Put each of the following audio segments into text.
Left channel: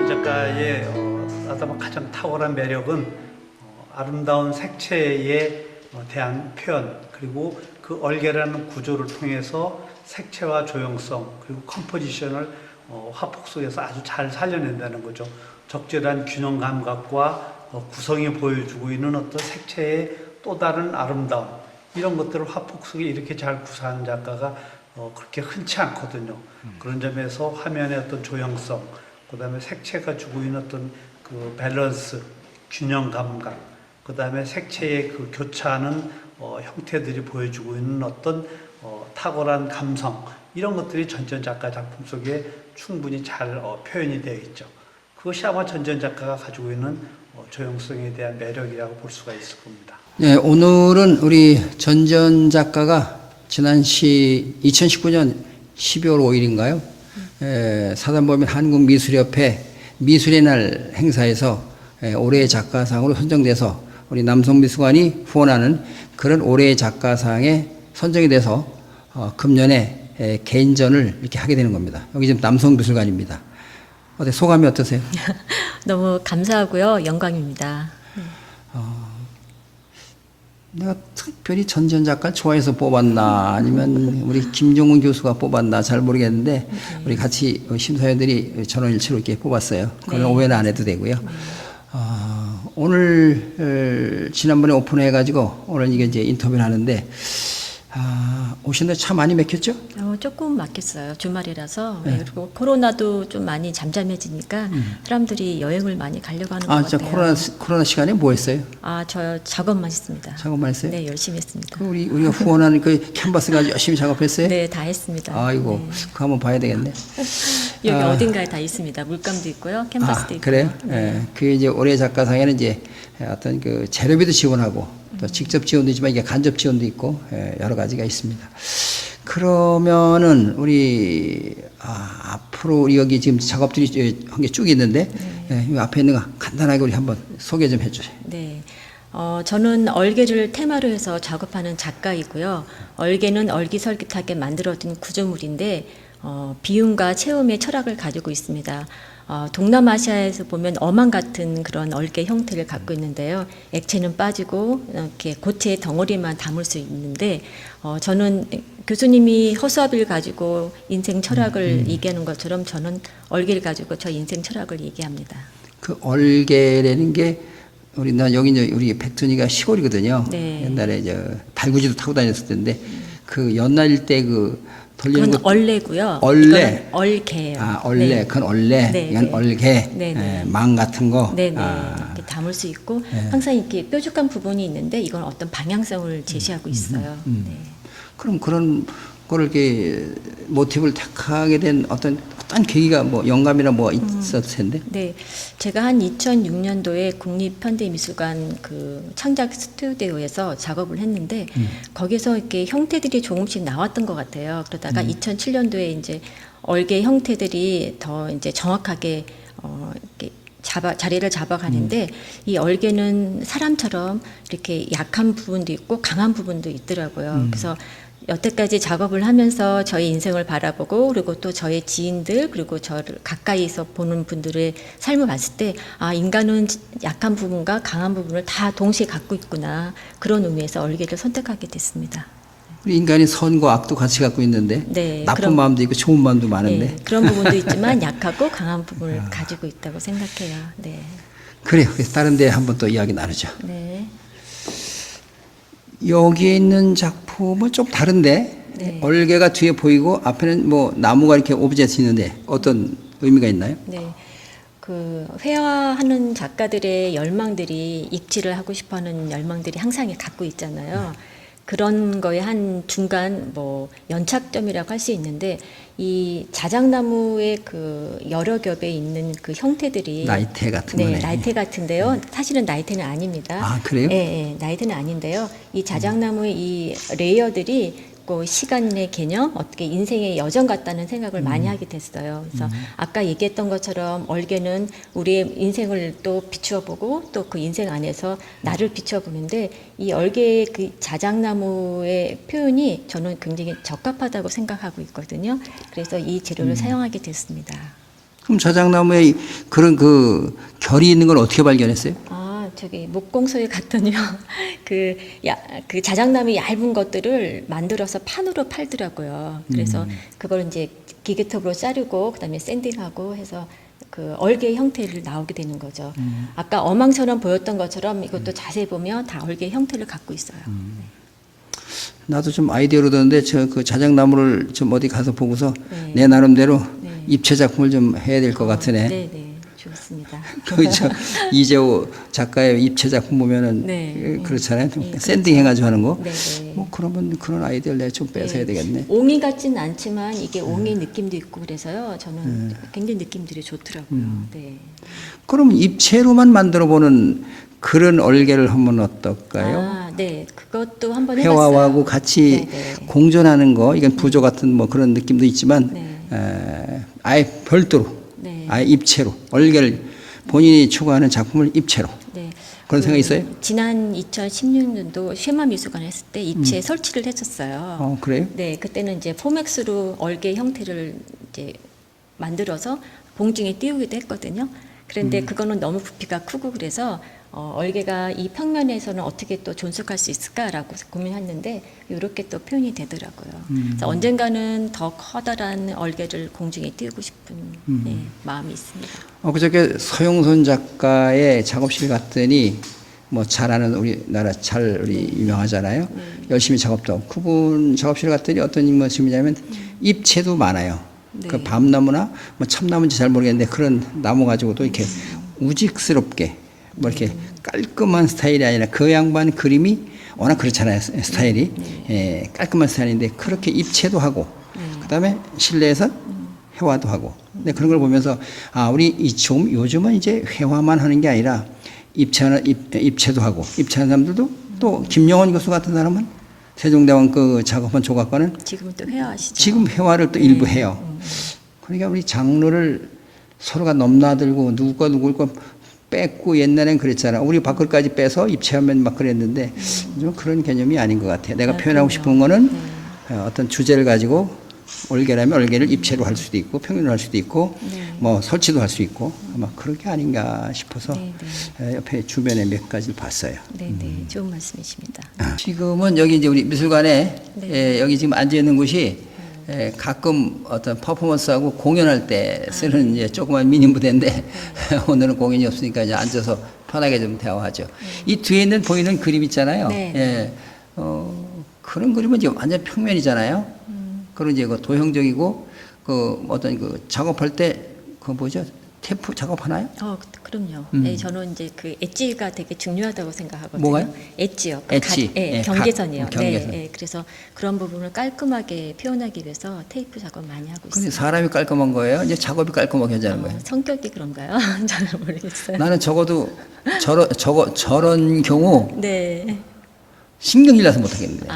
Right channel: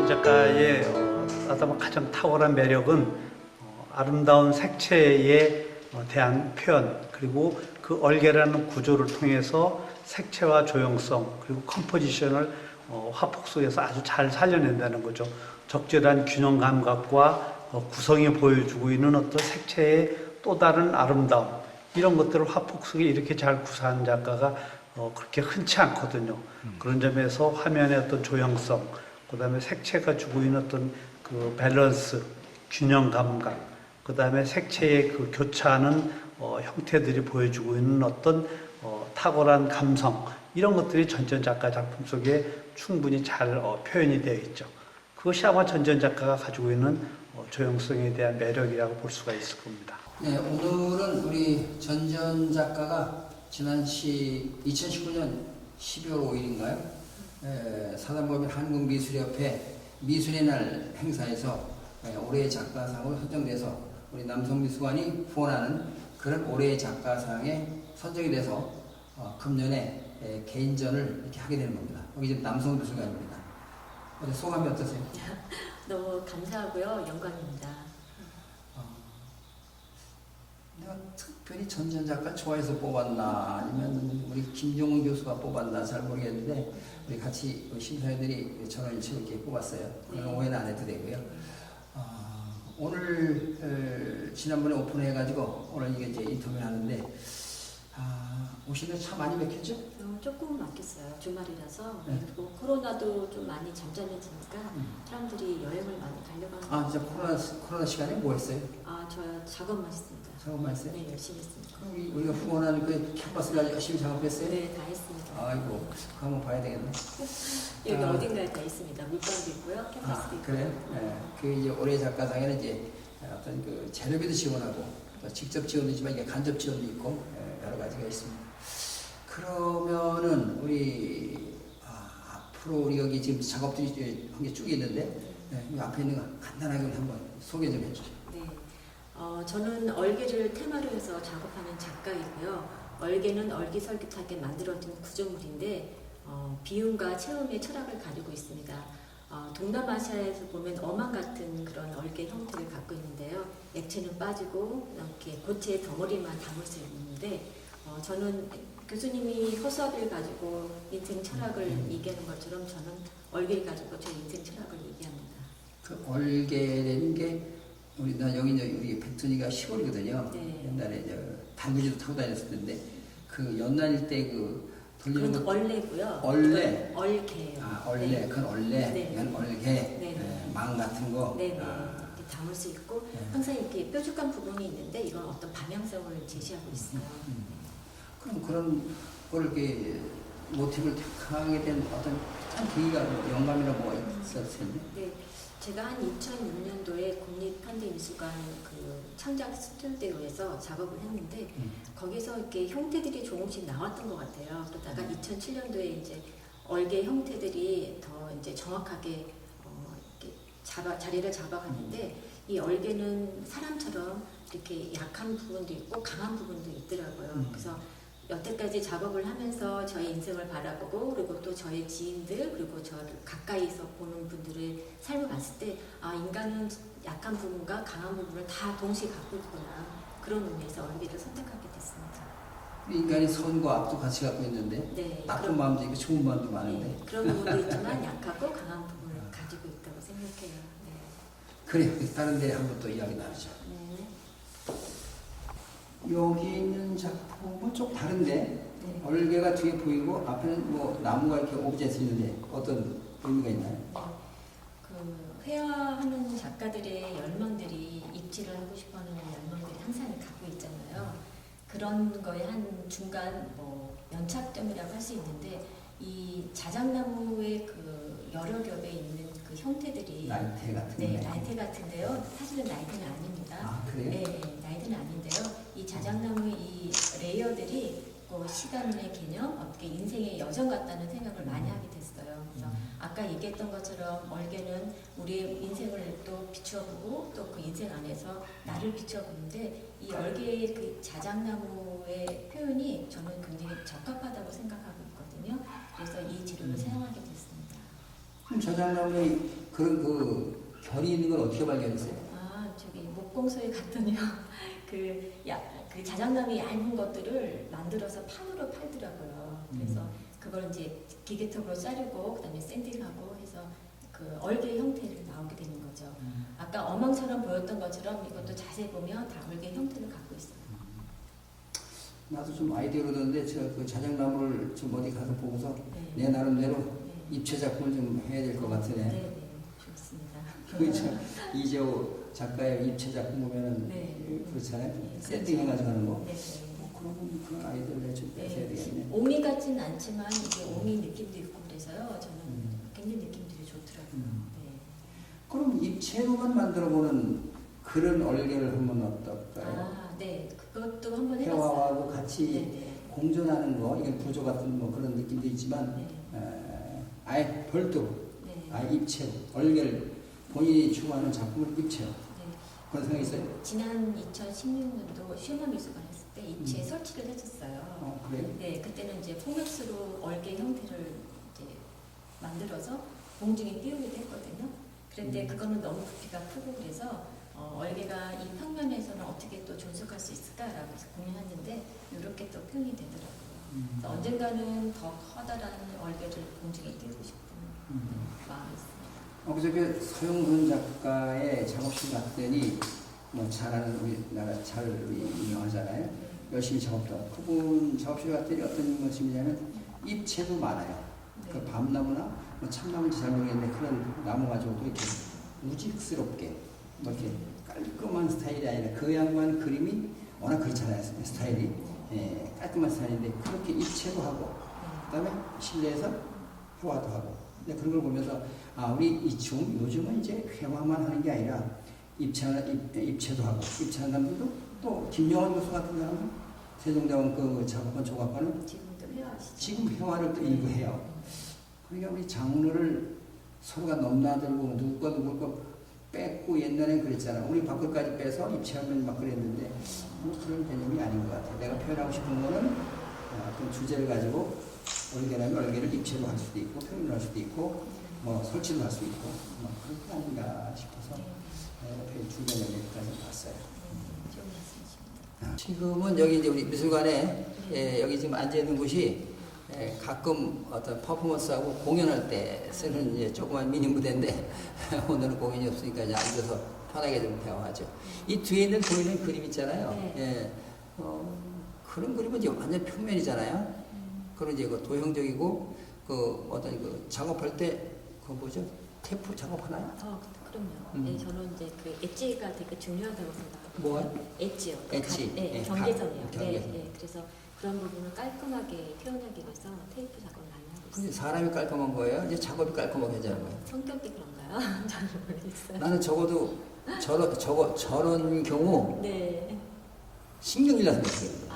전지현 작가의 아마 가장 탁월한 매력은 아름다운 색채에 대한 표현, 그리고 그 얼개라는 구조를 통해서 색채와 조형성 그리고 컴포지션을 화폭 속에서 아주 잘 살려낸다는 거죠. 적절한 균형 감각과 구성이 보여주고 있는 어떤 색채의 또 다른 아름다움, 이런 것들을 화폭 속에 이렇게 잘 구사하는 작가가 그렇게 흔치 않거든요. 그런 점에서 화면의 어떤 조형성, 그 다음에 색채가 주고 있는 어떤 그 밸런스, 균형 감각, 그 다음에 색채의 그 교차하는 형태들이 보여주고 있는 어떤 탁월한 감성, 이런 것들이 전지현 작가 작품 속에 충분히 잘 표현이 되어 있죠. 그것이 아마 전지현 작가가 가지고 있는 조형성에 대한 매력이라고 볼 수가 있을 겁니다. 네, 오늘은 우리 전지현 작가가 지난 2019년 12월 5일인가요? 사단법인 한국미술협회 미술의 날 행사에서 올해의 작가상으로 선정돼서 우리 남성미술관이 후원하는 그런 올해의 작가상에 선정이 돼서 금년에 개인전을 이렇게 하게 되는 겁니다. 여기 지금 남성미술관입니다. 어때, 소감이 어떠세요? 너무 감사하고요. 영광입니다. 내가 특별히 전지현 작가를 좋아해서 뽑았나 아니면 우리 김종훈 교수가 뽑았나 잘 모르겠는데 우리 같이 심사위원들이 전원일치로 이렇게 뽑았어요. 그건 오해는 안 해도 되고요. 오늘 지난번에 오픈해가지고 오늘 이게 이제 인터뷰를 하는데 오시는데 차 많이 막혔죠? 조금 막혔어요. 주말이라서. 네. 그리고 코로나도 좀 많이 잠잠해지니까 사람들이 여행을 많이 가려고 하는 것 같아요. 진짜 코로나 시간에 뭐 했어요? 저 작업만 했습니다. 작업만 했어요? 네, 열심히 했습니다. 우리가 후원하는 그 캔버스 가지고 열심히 작업했어요? 네, 다 했습니다. 아이고, 네. 그거 한번 봐야 되겠네. 여기 어딘가에 다 있습니다. 물감도 있고요, 캔버스도 있고. 그래요? 네. 그 이제 올해 작가상에는 이제 어떤 그 재료비도 지원하고 또 직접 지원도 있지만 이게 간접 지원도 있고 여러 가지가 있습니다. 그러면은 우리 앞으로 우리 여기 지금 작업들이 한 게 쭉 있는데 이 앞에 있는 거 간단하게 우리 한번 소개 좀 해주세요. 네. 저는 얼개를 테마로 해서 작업하는 작가이고요. 얼개는 얼기설깃하게 만들어진 구조물인데 비움과 체험의 철학을 가지고 있습니다. 동남아시아에서 보면 어망 같은 그런 얼개 형태를 갖고 있는데요. 액체는 빠지고 이렇게 고체의 덩어리만 담을 수 있는데 저는 교수님이 허수아비를 가지고 인생 철학을 얘기하는 것처럼 저는 얼개를 가지고 저 인생 철학을 얘기합니다. 그 얼개라는 게 여기 우리 백tun이가 시골이거든요. 네. 옛날에 달구지도 타고 다녔을 텐데 그 연날 때 돌리는 그건 얼레고요. 얼레. 얼개예요. 얼레. 네. 그건 얼레. 네, 이건 네. 얼개. 네. 망 같은 거. 네네. 이렇게 담을 수 있고 항상 이렇게 뾰족한 부분이 있는데 이건 어떤 방향성을 제시하고 있어요. 네. 그럼 그런 거를 이렇게 모티브를 택하게 된 어떤 계기가 뭐 영감이나 뭐 있었을 텐데. 네, 제가 한 2006년도에 국립현대미술관 그 창작 스튜디오에서 작업을 했는데 거기서 이렇게 형태들이 조금씩 나왔던 것 같아요. 그러다가 2007년도에 이제 얼개 형태들이 더 이제 정확하게 이렇게 자리를 잡아가는데 이 얼개는 사람처럼 이렇게 약한 부분도 있고 강한 부분도 있더라고요. 그래서 여태까지 작업을 하면서 저의 인생을 바라보고 그리고 또 저의 지인들 그리고 저를 가까이서 보는 분들의 삶을 봤을 때 인간은 약한 부분과 강한 부분을 다 동시에 갖고 있구나, 그런 의미에서 얼개를 선택하게 됐습니다. 우리 인간이 선과 악도 같이 갖고 있는데 네, 나쁜 마음도 있고 좋은 마음도 많은데. 네, 그런 부분도 있지만 약하고 강한 부분을 가지고 있다고 생각해요. 네. 그래요. 그래서 다른 데 한번 또 이야기 나누죠. 네. 여기에 있는 작품은 좀 다른데 네. 얼개가 뒤에 보이고 앞에는 뭐 나무가 이렇게 오브젝트 있는데 어떤 의미가 있나요? 네. 그 회화하는 작가들의 열망들이 입지를 하고 싶어하는 열망들이 항상 갖고 있잖아요. 그런 거에 한 중간 뭐 연착점이라고 할 수 있는데 이 자작나무의 그 여러 겹에 있는 그 형태들이 나이테 같은 거네. 네, 나이테 같은데요. 사실은 나이테는 아닙니다. 그래요? 네, 나이테는 아닌데요. 이 자작나무의 이 레이어들이 시간의 개념, 어떻게 인생의 여정 같다는 생각을 많이 하게 됐어요. 그래서 아까 얘기했던 것처럼 얼개는 우리의 인생을 또 비추어 보고 또 그 인생 안에서 나를 비추어 보는데 이 얼개의 그 자작나무의 표현이 저는 굉장히 적합하다고 생각하고 있거든요. 그래서 이 재료를 사용하게 됐습니다. 그럼 자작나무에 그런 그 결이 있는 걸 어떻게 발견했어요? 저기 목공소에 갔더니요. 그 자작나무 얇은 것들을 만들어서 판으로 팔더라고요. 그래서 그걸 이제 기계톱으로 자르고 그다음에 샌딩하고 해서 그 얼개 형태를 나오게 되는 거죠. 아까 어망처럼 보였던 것처럼 이것도 자세히 보면 다 얼개 형태를 갖고 있어요. 나도 좀 아이디어로 듣는데 저 그 자작나무를 좀 어디 가서 보고서 네. 내 나름대로 네. 입체 작품을 좀 해야 될 것 같으네. 네, 좋습니다. 그저 이재호 작가의 입체 작품 보면은 네. 그렇잖아요. 좀 네, 샌딩 해가지고 하는 거. 네. 뭐 그러면 그런 아이디어를 내가 좀 뺏어야 되겠네. 옹이 같지는 않지만 이게 옹이 느낌도 있고 그래서요. 저는 굉장히 느낌들이 좋더라고요. 네. 그럼 입체로만 만들어 보는 그런 얼개를 하면 어떨까요? 네. 그것도 한번 해봤어요. 회화하고 같이 네. 공존하는 거, 이건 부조 같은 뭐 그런 느낌도 있지만 네. 아예 별도로, 네. 아예 입체로 얼개를 본인이 추구하는 작품을 입체로 네. 그런 생각이 있어요? 지난 2016년도 쉐마미술관 했을 때 입체 설치를 했었어요. 그래요? 네, 그때는 이제 포맥스로 얼개 형태를 이제 만들어서 봉중에 띄우기도 했거든요. 그런데 그거는 너무 부피가 크고 그래서 얼개가 이 평면에서는 어떻게 또 존속할 수 있을까라고 고민했는데 이렇게 또 표현이 되더라고요. 그래서 언젠가는 더 커다란 얼개를 공중에 띄우고 싶은 네, 마음이 있습니다. 그저께 서용선 작가의 작업실 갔더니 뭐 잘하는 우리나라 잘 우리 유명하잖아요. 열심히 작업도 하고 그분 작업실 갔더니 어떤 인물이냐면 입체도 많아요. 네. 그 밤나무나 뭐 참나무인지 잘 모르겠는데 그런 나무 가지고도 이렇게 우직스럽게 뭐 이렇게 깔끔한 스타일이 아니라 그 양반 그림이 워낙 그렇잖아요. 스타일이 깔끔한 스타일인데 그렇게 입체도 하고 그다음에 실내에서 회화도 하고. 근데 그런 걸 보면서 우리 요즘은 이제 회화만 하는 게 아니라 입체도 하고 입체하는 사람들도 또 김영원 교수 같은 사람은 세종대왕 그 작업한 조각가는 지금은 또 회화하시죠. 지금 회화를 또 일부 해요. 그러니까 우리 장르를 서로가 넘나들고 누가 누굴 거 뺏고 옛날엔 그랬잖아. 우리 밖을까지 빼서 입체하면 막 그랬는데 좀 그런 개념이 아닌 것 같아. 내가 표현하고 싶은 거는 어떤 주제를 가지고 얼개라면 얼개를 입체로 할 수도 있고 평면으로 할 수도 있고 뭐 설치도 할 수 있고 아마 그런 게 아닌가 싶어서 옆에 주변에 몇 가지 봤어요. 네, 좋은 말씀이십니다. 지금은 여기 이제 우리 미술관에 여기 지금 앉아 있는 곳이 가끔 어떤 퍼포먼스하고 공연할 때 쓰는 이제 조그만 미니 무대인데 오늘은 공연이 없으니까 이제 앉아서 편하게 좀 대화하죠. 이 뒤에 있는 보이는 그림 있잖아요. 네. 그런 그림은 이제 완전 평면이잖아요. 그런 이제 그 도형적이고 그 어떤 그 작업할 때 그 뭐죠? 테이프 작업하나요? 그럼요. 네, 저는 이제 그 엣지가 되게 중요하다고 생각하거든요. 뭐가요? 엣지요. 엣지. 경계선이요. 경계선. 그래서 그런 부분을 깔끔하게 표현하기 위해서 테이프 작업 많이 하고 근데 있어요. 사람이 깔끔한 거예요? 이제 작업이 깔끔하게 하자는 거예요? 성격이 그런가요? 잘 모르겠어요. 나는 적어도 저런 경우 네. 신경질 나서 못하겠는데.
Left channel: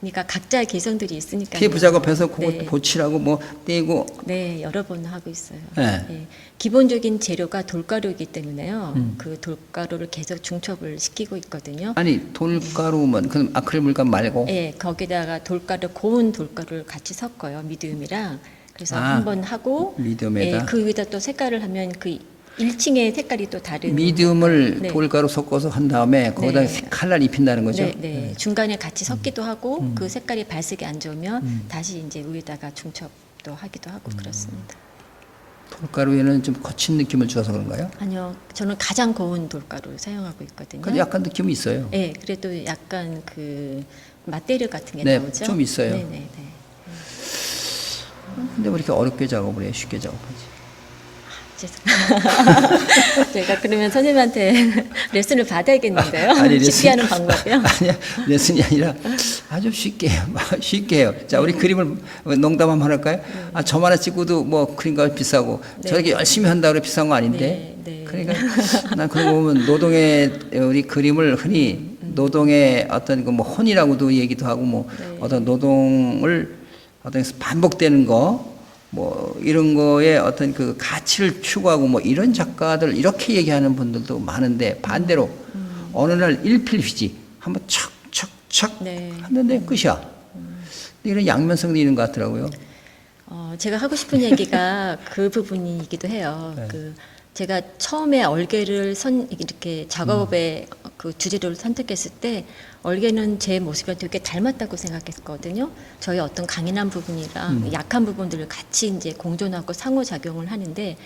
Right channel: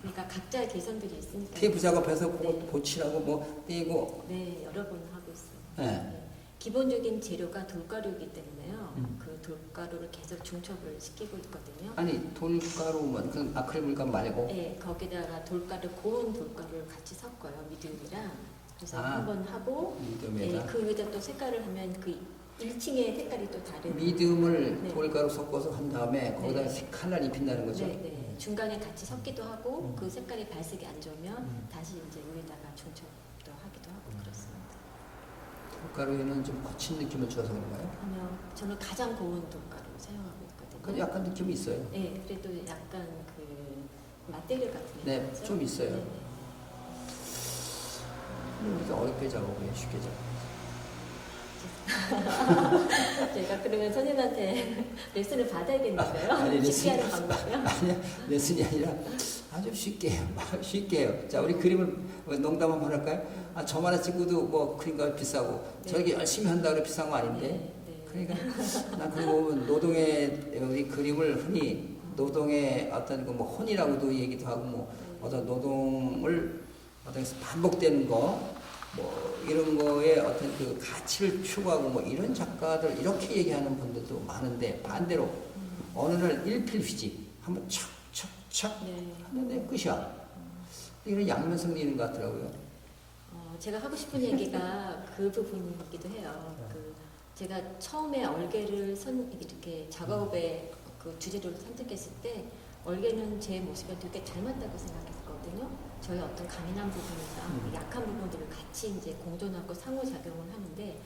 그러니까 각자의 개성들이 있으니까. 테이프 작업해서 그거 네. 보치라고 뭐 떼고. 네, 여러 번 하고 있어요. 네. 기본적인 재료가 돌가루이기 때문에요. 그 돌가루를 계속 중첩을 시키고 있거든요. 아니 돌가루만 그럼 아크릴 물감 말고. 네, 거기다가 고운 돌가루를 같이 섞어요. 미디움이랑. 그래서 한번 하고 미디움에다. 그 위에다 또 색깔을 하면 그 1층의 색깔이 또 다른. 미디움을 돌가루 섞어서 한 다음에 거기다 칼날 입힌다는 거죠. 네. 중간에 같이 섞기도 하고 그 색깔이 발색이 안 좋으면 다시 이제 위에다가 중첩도 하기도 하고 그렇습니다. 돌가루에는 좀 거친 느낌을 줘서 그런가요? 아니요, 저는 가장 고운 돌가루를 사용하고 있거든요. 근데 약간 느낌이 있어요. 네, 그래도 약간 그 맛대려 같은 게 네, 나오죠. 좀 있어요. 네. 근데 왜 이렇게 어렵게 작업을 해요? 쉽게 작업하지. 제가 그러면 선생님한테 레슨을 받아야겠는데요. 쉽게 하는 방법이요? 아니야, 레슨이 아니라 아주 쉽게 해요. 자, 우리 그림을 농담 한번 할까요? 점 하나 찍고도 뭐 그림값이 비싸고 저렇게 열심히 한다고 비싼 거 아닌데. 네. 그러니까 난 그런 거 보면 노동의 우리 그림을 흔히 노동의 어떤 그 뭐 혼이라고도 얘기도 하고 뭐 어떤 노동을 어떤 반복되는 거 뭐 이런 거에 어떤 그 가치를 추구하고 뭐 이런 작가들 이렇게 얘기하는 분들도 많은데 반대로 어느 날 일필휘지 한번 척척척 네. 했는데 끝이야. 이런 양면성도 있는 것 같더라고요. 제가 하고 싶은 얘기가 그 부분이기도 해요. 네. 제가 처음에 얼개를 이렇게 작업의 그 주제를 선택했을 때 얼개는 제 모습이랑 되게 닮았다고 생각했거든요. 저희 어떤 강인한 부분이랑 약한 부분들을 같이 이제 공존하고 상호작용을 하는데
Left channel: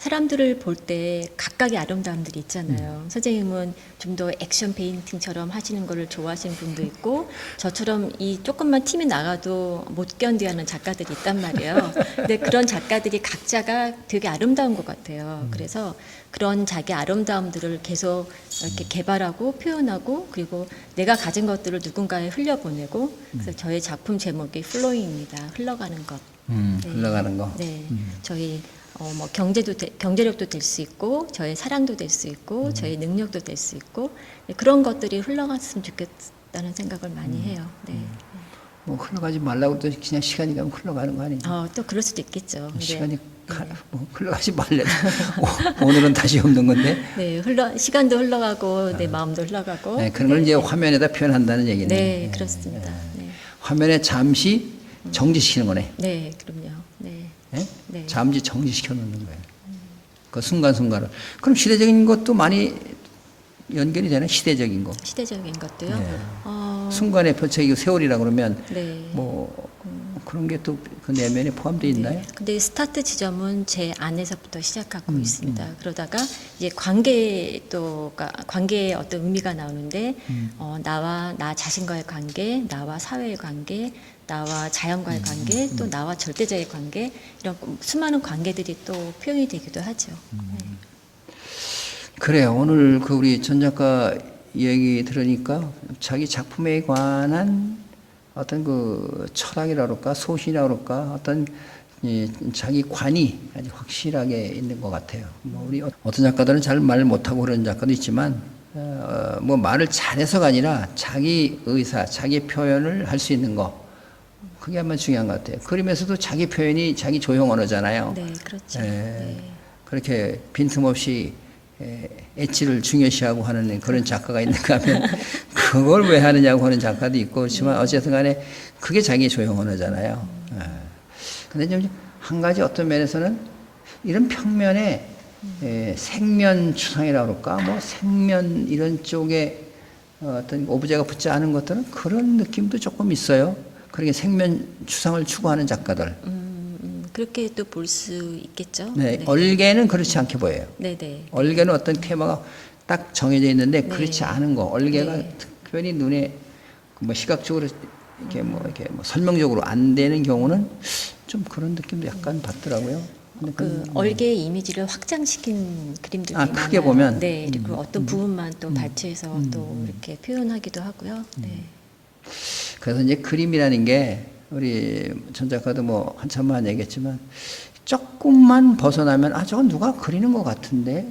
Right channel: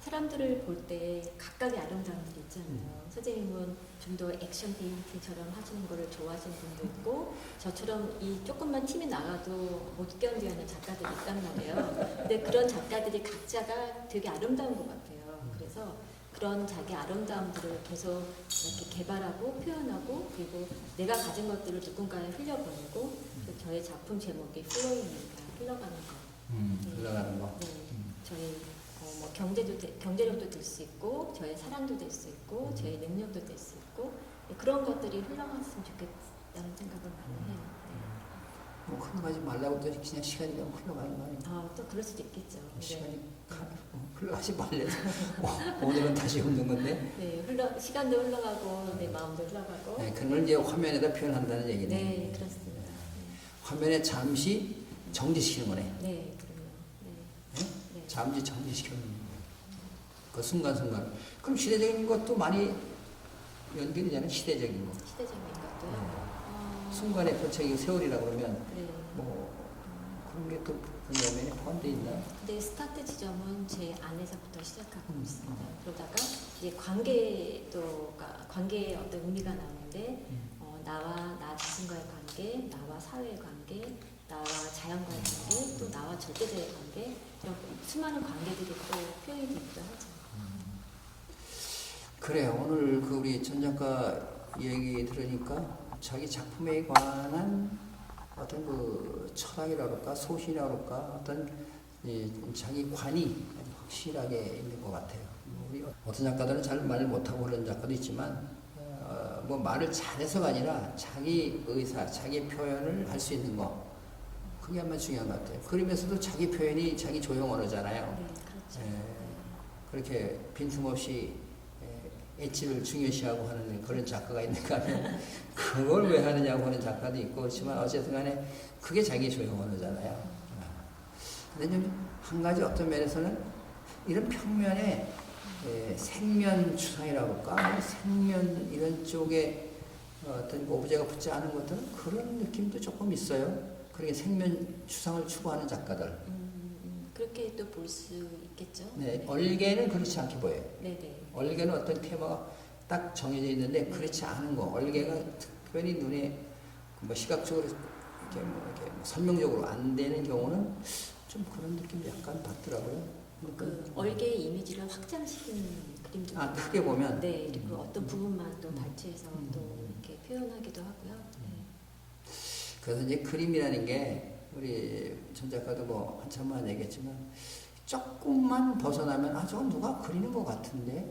사람들을 볼 때 각각의 아름다움들이 있잖아요. 선생님은 좀 더 액션 페인팅처럼 하시는 거를 좋아하시는 분도 있고 저처럼 이 조금만 팀이 나가도 못 견디하는 작가들이 있단 말이에요. 근데 그런 작가들이 각자가 되게 아름다운 것 같아요. 그래서 그런 자기 아름다움들을 계속 이렇게 개발하고 표현하고 그리고 내가 가진 것들을 누군가에 흘려보내고 그래서 저의 작품 제목이 플로잉입니다. 흘러가는 것. 네. 흘러가는 거. 네, 저희 뭐 경제력도 될 수 있고 저의 사랑도 될 수 있고 저의 능력도 될 수 있고 네, 그런 것들이 흘러갔으면 좋겠다는 생각을 많이 해요. 네. 뭐 흘러가지 말라고 해도 그냥 시간이 가면 흘러가는 거 아니에요? 또 그럴 수도 있겠죠. 네. 시간이 뭐 흘러가지 말래도 오늘은 다시 없는 건데. 네, 시간도 흘러가고 내 마음도 흘러가고. 네, 그런 걸 이제 화면에다 표현한다는 얘기네. 네, 그렇습니다. 네. 화면에 잠시 정지시키는 거네. 네, 그럼요. 네. 네? 네. 잠시 정지시켜 놓는 거예요. 그 순간순간을. 그럼 시대적인 것도 많이 연결이 되는 시대적인 거. 시대적인 것도요. 네. 어, 순간의 표책이고 세월이라 그러면 네. 뭐 그런 게 또 그 내면에 포함되어 있나요? 네. 근데 스타트 지점은 제 안에서부터 시작하고 음, 있습니다. 그러다가 이제 관계의 어떤 의미가 나오는데 나와 나 자신과의 관계, 나와 사회의 관계, 나와 자연과의 관계, 또 나와 절대자의 관계 이런 수많은 관계들이 또 표현이 되기도 하죠. 네. 그래요. 오늘 그 우리 전 작가 얘기 들으니까 자기 작품에 관한 어떤 그 철학이라 그럴까, 소신이라 그럴까, 어떤 자기 관이 아주 확실하게 있는 것 같아요. 뭐 우리 어떤 작가들은 잘 말 못하고 그런 작가도 있지만, 뭐 말을 잘해서가 아니라 자기 의사, 자기 표현을 할 수 있는 거. 그게 아마 중요한 것 같아요. 그림에서도 자기 표현이 자기 조형 언어잖아요. 네, 그렇죠. 예, 네. 그렇게 빈틈없이 엣지를 중요시하고 하는 그런 작가가 있는가 하면 그걸 왜 하느냐고 하는 작가도 있고 그렇지만 어쨌든 간에 그게 자기 조형 언어잖아요. 그런데 한 가지 어떤 면에서는 이런 평면에 생면 추상이라고 그럴까 뭐 생면 이런 쪽에 어떤 오브제가 붙지 않은 것들은 그런 느낌도 조금 있어요. 그렇게 생면 추상을 추구하는 작가들. 그렇게 또 볼 수 있겠죠. 네, 네. 얼개는 그렇지 않게 보여요. 네, 네. 얼개는 어떤 테마가 딱 정해져 있는데 네. 그렇지 않은 거. 얼개가 네. 특별히 눈에 뭐 시각적으로 이렇게 뭐 설명적으로 안 되는 경우는 좀 그런 느낌도 약간 받더라고요. 근데 그 얼개의 이미지를 확장시킨 그림들이 아, 많아요. 크게 보면? 네, 그리고 어떤 부분만 또 발췌해서 또 이렇게 표현하기도 하고요. 네. 그래서 이제 그림이라는 게 우리 전 작가도 뭐 한참만 얘기했지만 조금만 벗어나면 아 저건 누가 그리는 것 같은데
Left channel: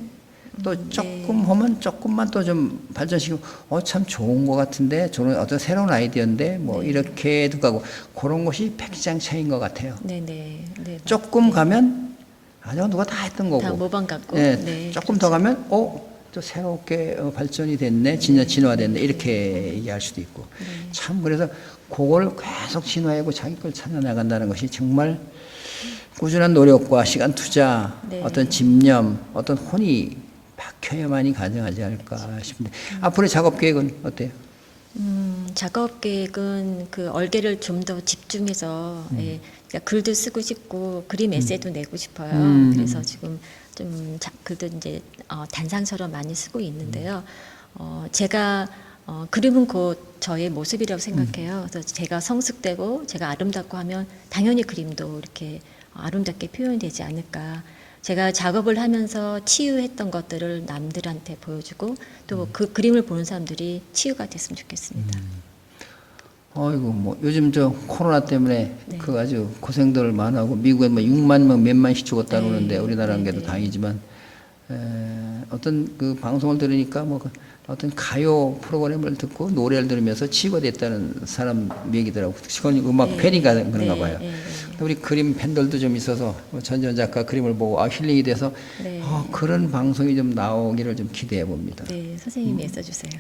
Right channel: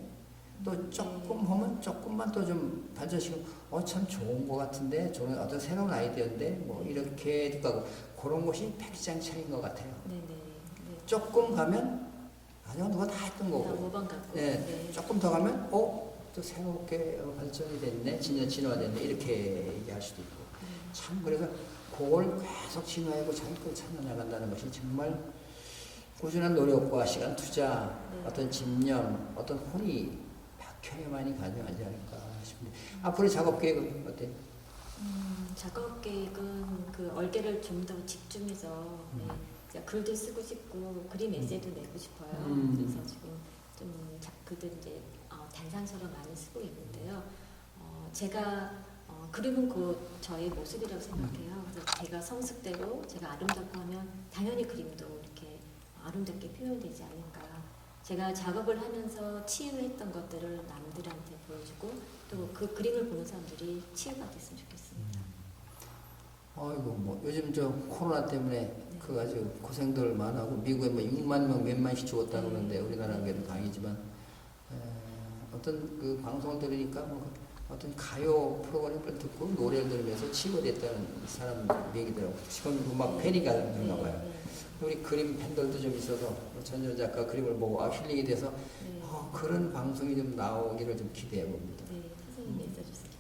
또 조금 하면 조금만 또 좀 발전시키고 참 좋은 것 같은데 저는 어떤 새로운 아이디어인데 뭐 이렇게도 가고 그런 것이 백지장차인 것 같아요. 네, 네, 네. 조금 가면 아 저건 누가 다 했던 거고 다 모방 갖고. 네, 네, 조금 더 가면 또 새롭게 발전이 됐네, 진화됐네 이렇게 얘기할 수도 있고 참 그래서 그걸 계속 진화하고 자기 걸 찾아나간다는 것이 정말 꾸준한 노력과 시간 투자, 네. 어떤 집념, 어떤 혼이 박혀야만이 가능하지 않을까 싶은데 앞으로의 작업 계획은 어때요? 작업 계획은 그 얼개를 좀 더 집중해서 그러니까 글도 쓰고 싶고 그림 에세이도 내고 싶어요. 그래서 지금 좀 글도 이제 단상처럼 많이 쓰고 있는데요. 제가 그림은 곧 저의 모습이라고 생각해요. 그래서 제가 성숙되고 제가 아름답고 하면 당연히 그림도 이렇게 아름답게 표현되지 않을까. 제가 작업을 하면서 치유했던 것들을 남들한테 보여주고 또 그 그림을 보는 사람들이 치유가 됐으면 좋겠습니다. 어이구 뭐 요즘 저 코로나 때문에 네. 그 아주 고생들 많이 하고 미국에 뭐 6만 명 몇만씩 죽었다고 네. 그러는데 우리나라는 네, 게도 네. 다행이지만 어떤 그 방송을 들으니까 뭐 어떤 가요 프로그램을 듣고 노래를 들으면서 치유가 됐다는 사람 얘기더라고. 그건 음악 팬인가 그런가 봐요. 우리 그림 팬들도 좀 있어서 전지현 작가 그림을 보고 힐링이 돼서 네. 그런 방송이 좀 나오기를 좀 기대해 봅니다. 네, 선생님이 애써주세요.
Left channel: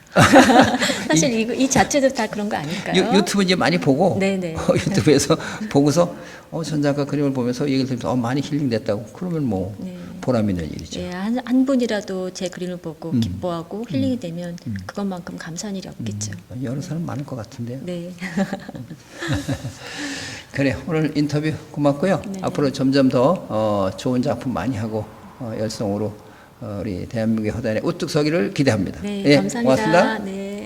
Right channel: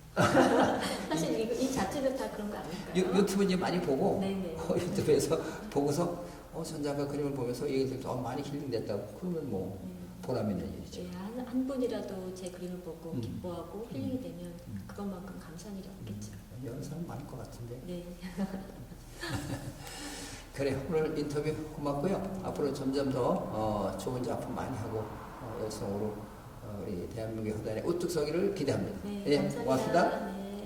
사실 이 자체도 다 그런 거 아닐까요? 유튜브 이제 많이 보고 네네. 유튜브에서 보고서 전 작가 그림을 보면서 얘기를 들으면서 많이 힐링됐다고 그러면 뭐 네. 보람 있는 일이죠. 예, 한 분이라도 제 그림을 보고 기뻐하고 힐링이 되면 그것만큼 감사한 일이 없겠죠. 여러 사람 많을 것 같은데요. 네. 그래 오늘 인터뷰 고맙고요. 네. 앞으로 점점 더 좋은 작품 많이 하고 열성으로 우리 대한민국의 허단에 우뚝 서기를 기대합니다. 네, 예, 감사합니다. 고맙습니다. 네.